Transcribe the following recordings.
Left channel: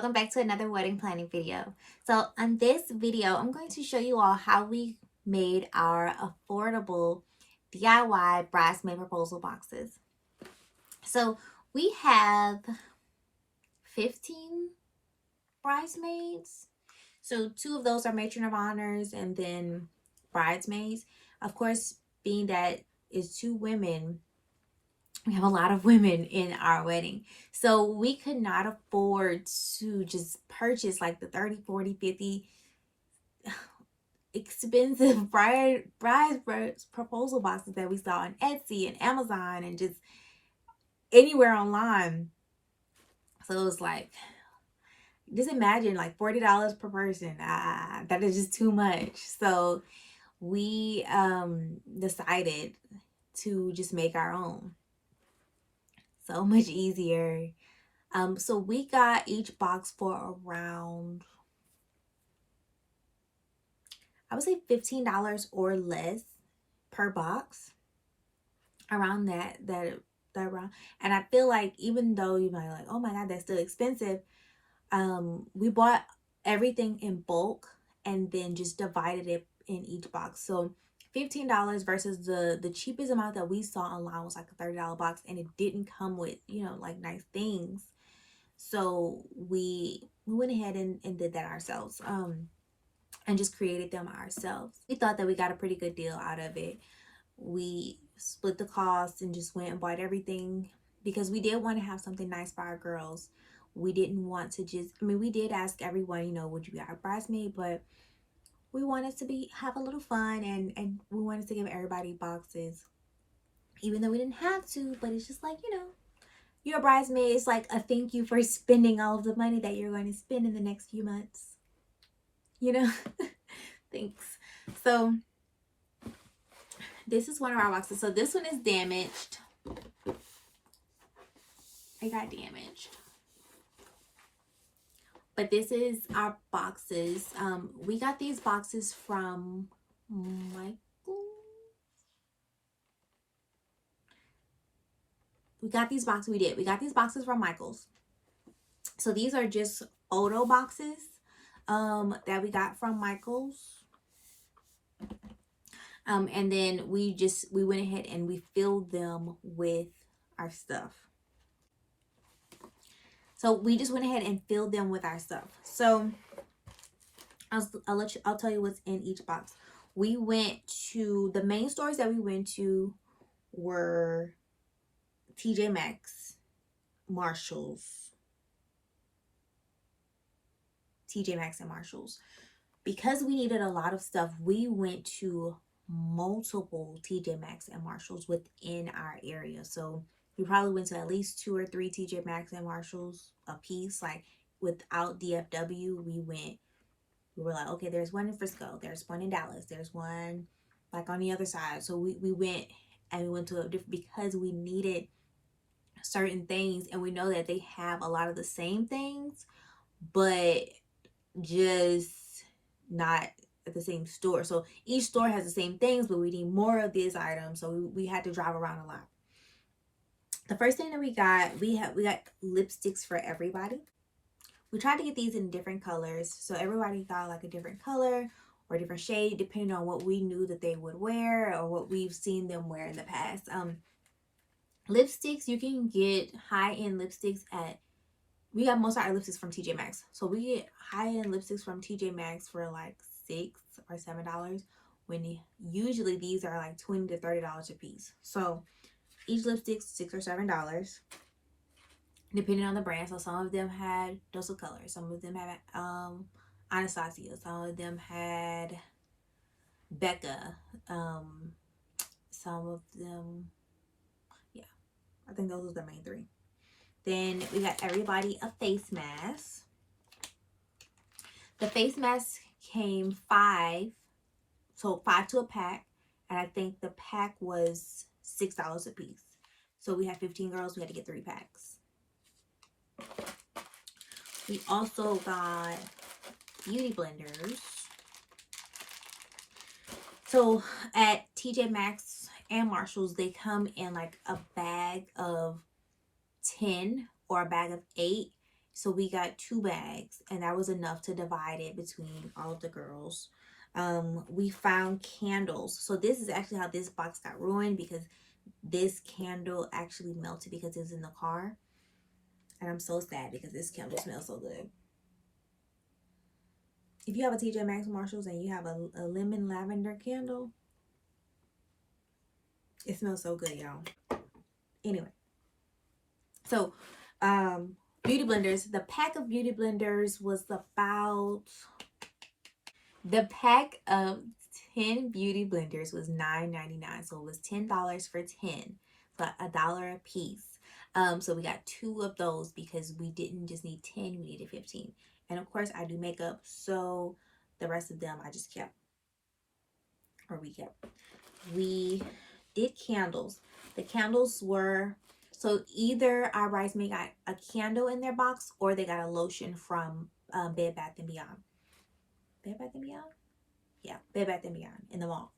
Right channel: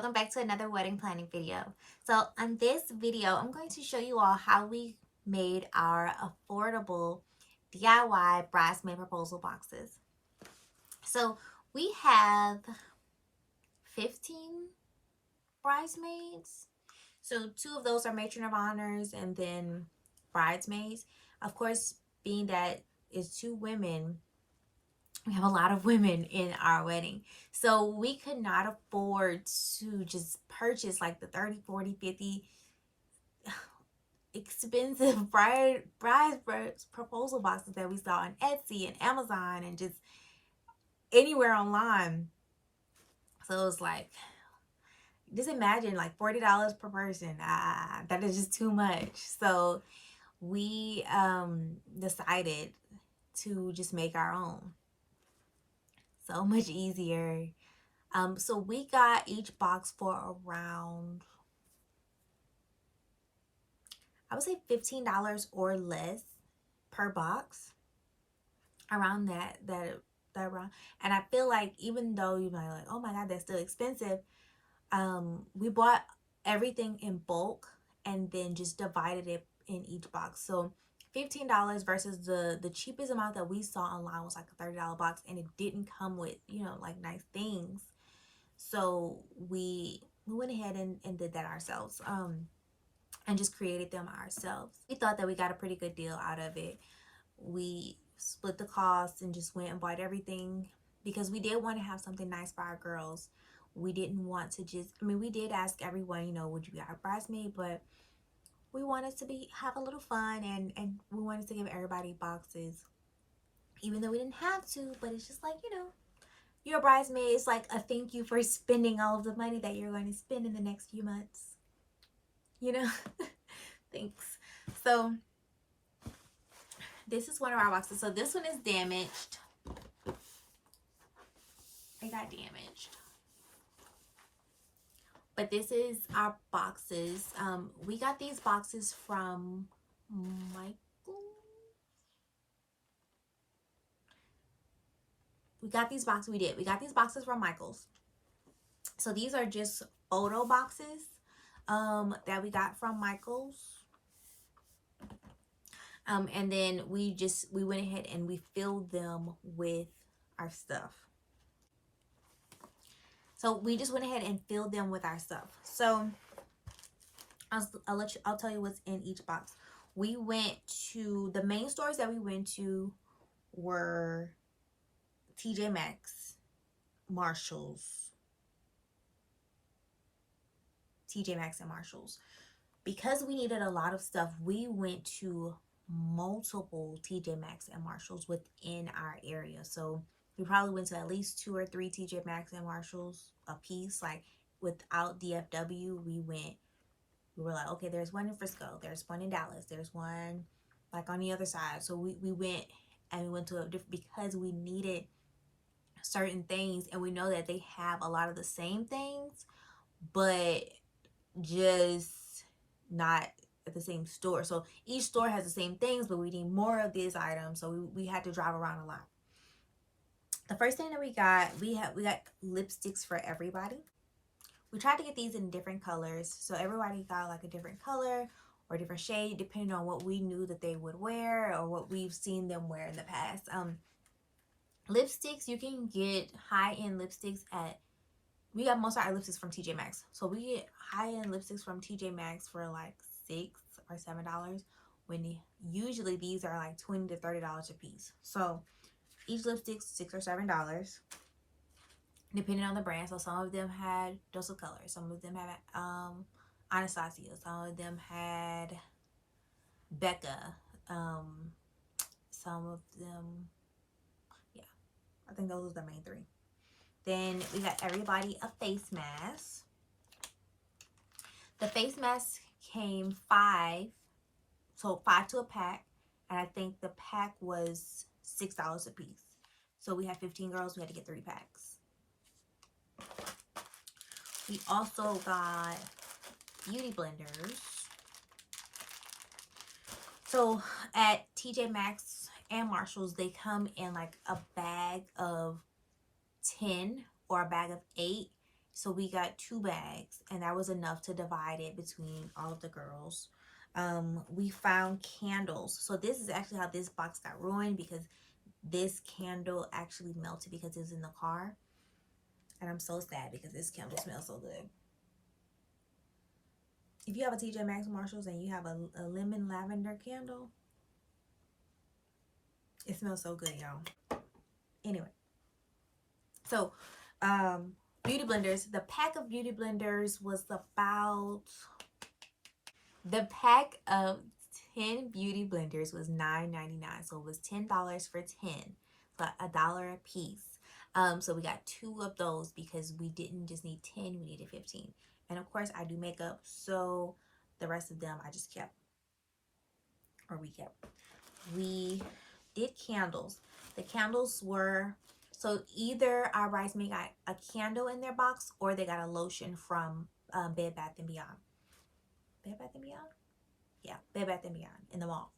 welcome back to another wedding planning video. So on this video, I'm going to show you all how we made our affordable DIY bridesmaid proposal boxes. So we have 15 bridesmaids. So 2 of those are matron of honors and then bridesmaids. Of course, being that it's 2 women, we have a lot of women in our wedding, so we could not afford to just purchase like the 30, 40, 50 expensive bride proposal boxes that we saw on Etsy and Amazon and just anywhere online. So it was like, just imagine like $40 per person. That is just too much. So we decided to just make our own. So much easier. So we got each box for around, I would say $15 or less per box. Around that around. And I feel like even though you might like, oh my God, that's still expensive, we bought everything in bulk and then just divided it in each box. So $15 versus the cheapest amount that we saw online was like a $30 box, and it didn't come with, you know, like nice things. So we went ahead and did that ourselves, and just created them ourselves. We thought that we got a pretty good deal out of it. We split the cost and just went and bought everything because we did want to have something nice for our girls. We didn't want to just, I mean, we did ask everyone, you know, would you be our bridesmaid? But we wanted to have a little fun, and we wanted to give everybody boxes, even though we didn't have to. But it's just like, you know, you're a bridesmaid. It's like a thank you for spending all of the money that you're going to spend in the next few months. You know? Thanks. So this is one of our boxes. So this one is damaged. It got damaged. But this is our boxes. We got these boxes from Michael. We got these boxes from Michael's. So these are just photo boxes that we got from Michael's. And then we went ahead and we filled them with our stuff. So we just went ahead and filled them with our stuff. So I'll tell you what's in each box. We went to, the main stores that we went to were TJ Maxx, Marshalls, TJ Maxx and Marshalls. Because we needed a lot of stuff, we went to multiple TJ Maxx and Marshalls within our area. So we probably went to at least 2 or 3 TJ Maxx and Marshalls a piece. Like without DFW, we were like, okay, there's one in Frisco, there's one in Dallas, there's one like on the other side. So we went to a different, because we needed certain things, and we know that they have a lot of the same things, but just not at the same store. So each store has the same things, but we need more of these items, so we had to drive around a lot. The first thing that we got lipsticks for everybody. We tried to get these in different colors, so everybody got like a different color or a different shade depending on what we knew that they would wear or what we've seen them wear in the past. Lipsticks, you can get high-end lipsticks we got most of our lipsticks from TJ Maxx. So we get high-end lipsticks from TJ Maxx for like $6 or $7, when usually these are like $20 to $30 a piece. So each lipstick's $6 or $7, depending on the brand. So some of them had Dose of Color, some of them had Anastasia, some of them had Becca, some of them, yeah, I think those were the main 3. Then we got everybody a face mask. The face mask came 5, so 5 to a pack, and I think the pack was $6 a piece. So we had 15 girls, we had to get 3 packs. We also got beauty blenders. So at TJ Maxx and Marshalls, they come in like a bag of 10 or a bag of 8. So we got 2 bags, and that was enough to divide it between all of the girls. We found candles. So this is actually how this box got ruined, because this candle actually melted because it was in the car. And I'm so sad because this candle smells so good. If you have a TJ Maxx Marshalls and you have a lemon lavender candle, it smells so good, y'all. Anyway, so beauty blenders. The pack of beauty blenders was about, the pack of 10 beauty blenders was $9.99. So it was $10 for 10. So $1 a piece. So we got 2 of those because we didn't just need 10, we needed 15. And of course I do makeup, so the rest of them I just kept, or we kept. We did candles. The candles were, so either our bridesmaid got a candle in their box or they got a lotion from Bed Bath & Beyond. Bed Bath & Beyond? Yeah, Bed Bath & Beyond in the mall.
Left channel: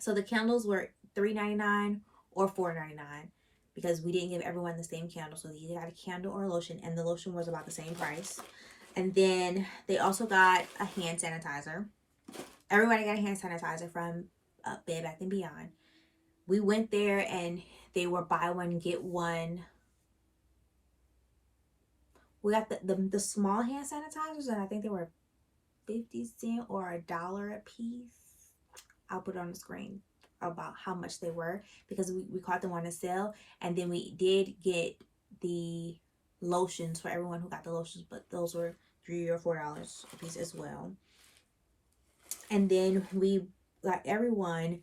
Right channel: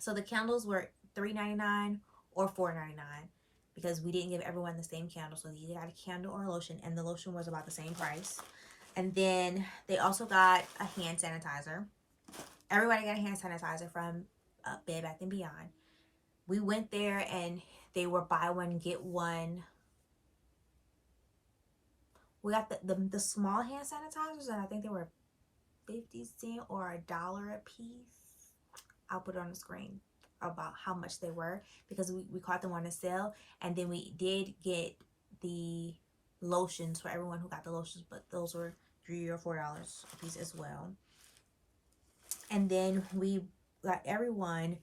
So the candles were $3.99 or $4.99 because we didn't give everyone the same candle. So they either got a candle or a lotion, and the lotion was about the same price. And then they also got a hand sanitizer. Everybody got a hand sanitizer from Bed Bath & Beyond. We went there and they were buy one, get one. We got the small hand sanitizers, and I think they were 50 cents or $1 a piece. I'll put it on the screen about how much they were because we caught them on a sale. And then we did get the lotions for everyone who got the lotions, but those were $3 or $4 a piece as well. And then we got everyone,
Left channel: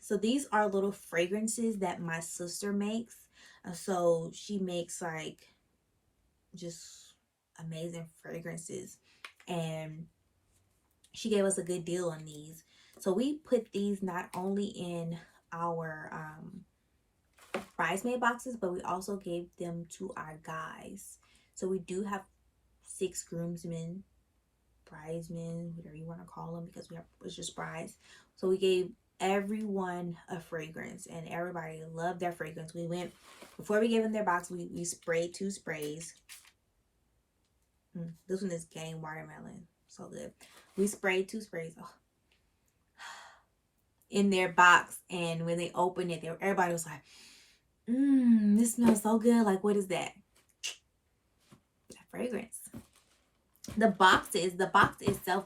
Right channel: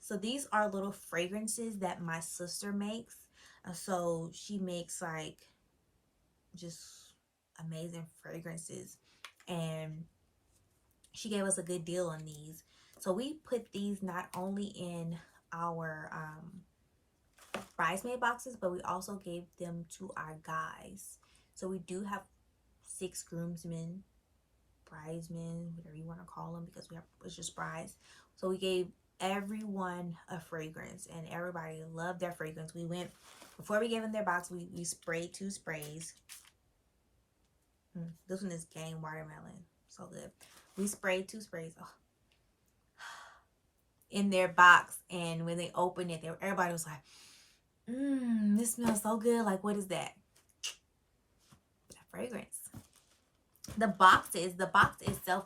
so these are little fragrances that my sister makes. So she makes like just amazing fragrances, and she gave us a good deal on these. So we put these not only in our bridesmaid boxes, but we also gave them to our guys. So we do have 6 groomsmen, bridesmen, whatever you want to call them, because it's just brides. So we gave everyone a fragrance, and everybody loved their fragrance. We went, before we gave them their box, we sprayed 2 sprays. This one is Game Watermelon, so good. We sprayed 2 sprays in their box, and when they opened it, everybody was like, this smells so good. Like, what is that? That fragrance. The box itself,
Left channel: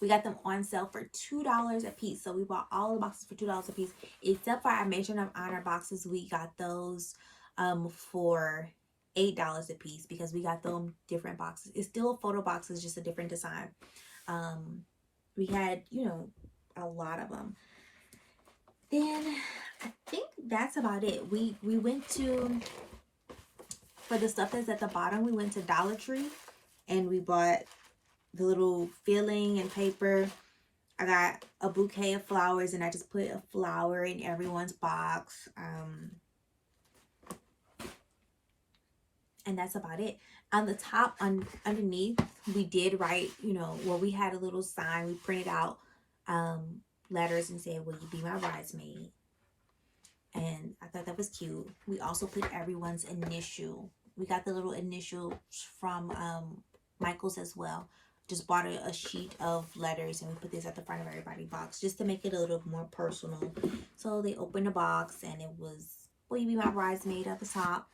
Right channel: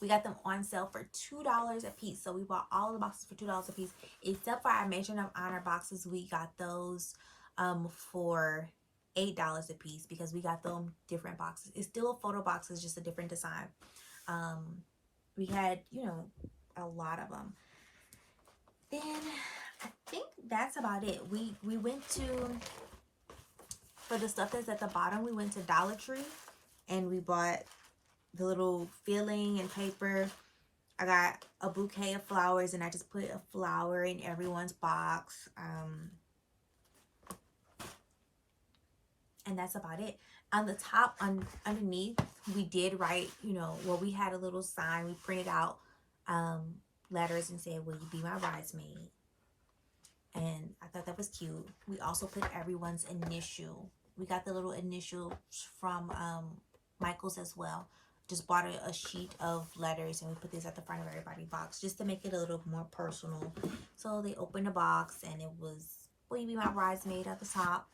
we got them on sale for $2 a piece. So we bought all the boxes for $2 a piece, except for our Mission of Honor boxes. We got those for $8 a piece because we got them different boxes. It's still a photo box, it's just a different design. We had, a lot of them. Then I think that's about it. We went to, for the stuff that's at the bottom, we went to Dollar Tree and we bought the little filling and paper. I got a bouquet of flowers, and I just put a flower in everyone's box. And that's about it. On the top, underneath, we did write, we had a little sign. We printed out letters and said, "Will you be my bridesmaid?" And I thought that was cute. We also put everyone's initial. We got the little initials from Michael's as well. Just bought a sheet of letters, and we put this at the front of everybody's box just to make it a little more personal. So they opened the box, and it was, "Will you be my bridesmaid?" at the top.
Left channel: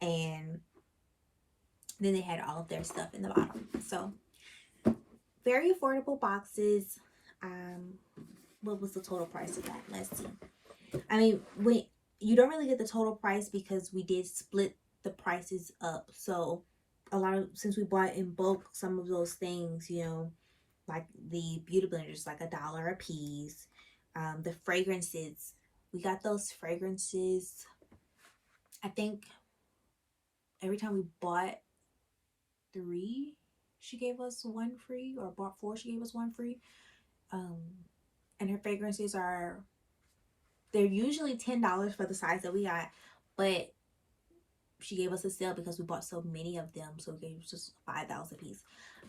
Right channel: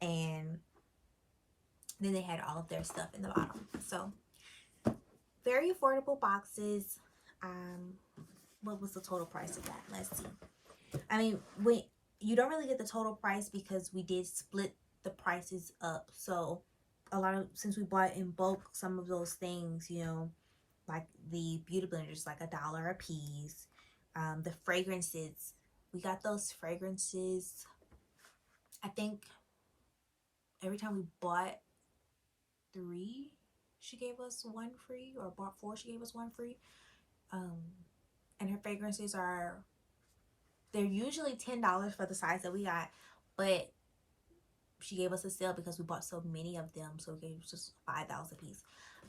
And then they had all of their stuff in the bottom. So very affordable boxes. What was the total price of that? Let's see. I mean, you don't really get the total price because we did split the prices up. So since we bought in bulk some of those things, like the beauty blenders, like $1 a piece. The fragrances, we got those fragrances. I think every time we bought 3, she gave us 1 free, or bought 4, she gave us 1 free. And her fragrances they're usually $10 for the size that we got, but she gave us a sale because we bought so many of them, so we gave just $5 a piece.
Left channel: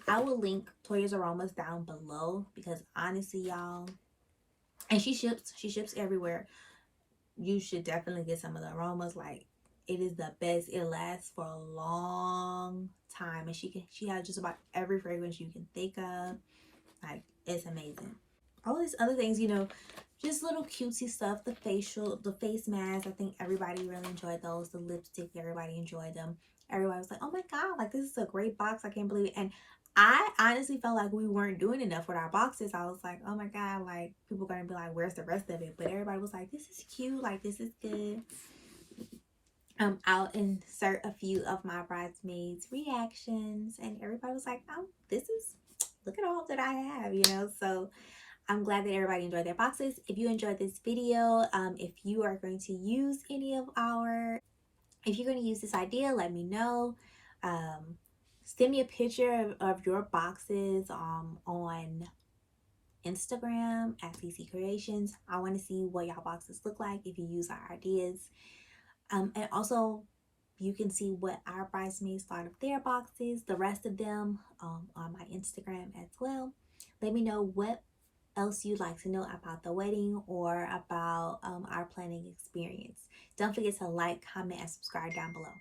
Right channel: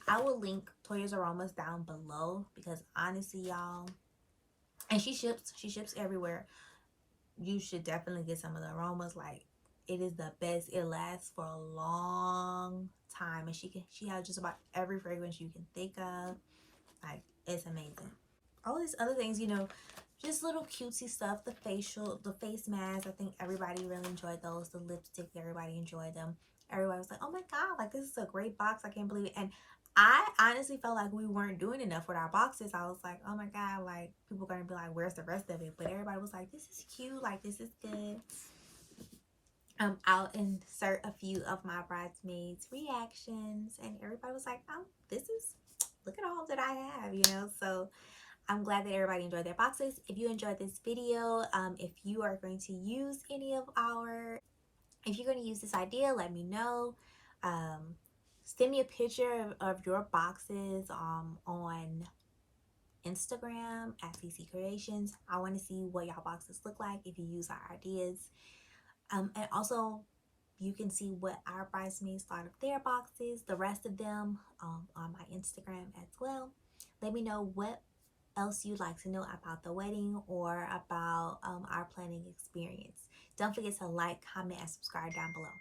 I will link Toya's Aromas down below because honestly, y'all, and she ships everywhere. You should definitely get some of the aromas. Like, It is the best. It lasts for a long time, and she has just about every fragrance you can think of. Like, it's amazing. All these other things, just little cutesy stuff. The face mask. I think everybody really enjoyed those. The lipstick, everybody enjoyed them. Everybody was like, "Oh my god, like this is a great box. I can't believe it." And I honestly felt like we weren't doing enough with our boxes. I was like, "Oh my god, like people are gonna be like, where's the rest of it?" But everybody was like, "This is cute. Like this is good." I'll insert a few of my bridesmaids reactions, and everybody was like, "Oh, this is look at all that I have." So I'm glad that everybody enjoyed their boxes. If you enjoyed this video, if you are going to use any of if you're going to use this idea, let me know. Um, Send me a picture of your boxes on Instagram at CC Creations. I want to see what y'all boxes look like if you use our ideas. And also, you can see what our bridesmaids thought of their boxes, the rest of them, on my Instagram as well. Let me know what else you'd like to know about the wedding or about our planning experience. Don't forget to like, comment, and subscribe down below.